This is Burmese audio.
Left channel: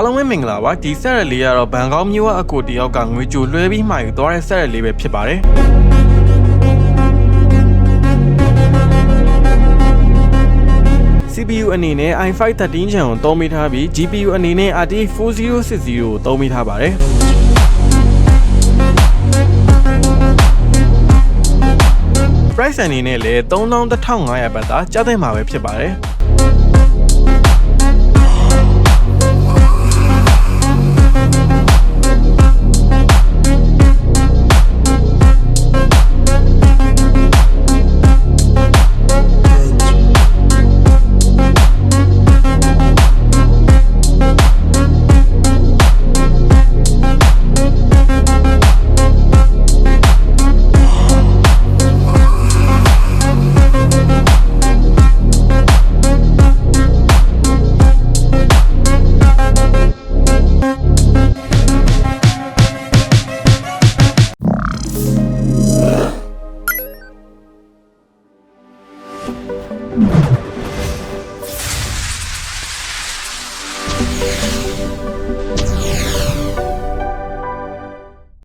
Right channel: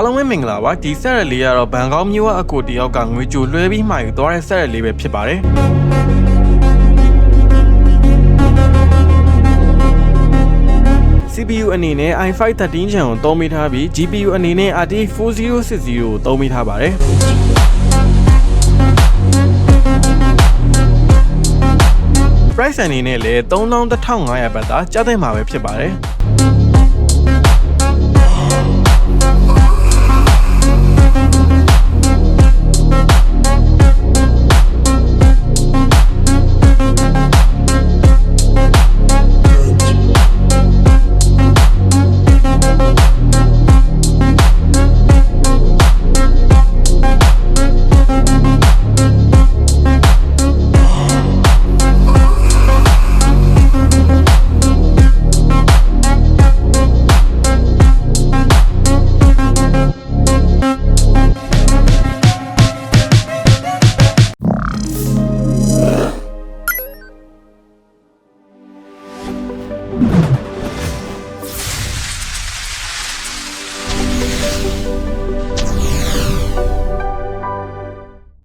အားလုံးပဲမင်္ဂလာပါဒီဆက်ရက်လေးကတော့ဘန်ကောက်မြို့အကိုတယောက်ကငွေကြိုလွှဲပြီးမှယူသွားတဲ့ဆက်ရက်လေးပဲဖြစ်ပါတယ် CPU အနေနဲ့ i5 13 Gen ကိုသုံးမိထားပြီး GPU အနေနဲ့ RTX 4060ကိုသုံးမိထားပါတယ် price အနေနဲ့လည်း 31,500 ဘတ်သာကျသင့်မှာပဲဖြစ်ပါတယ် စ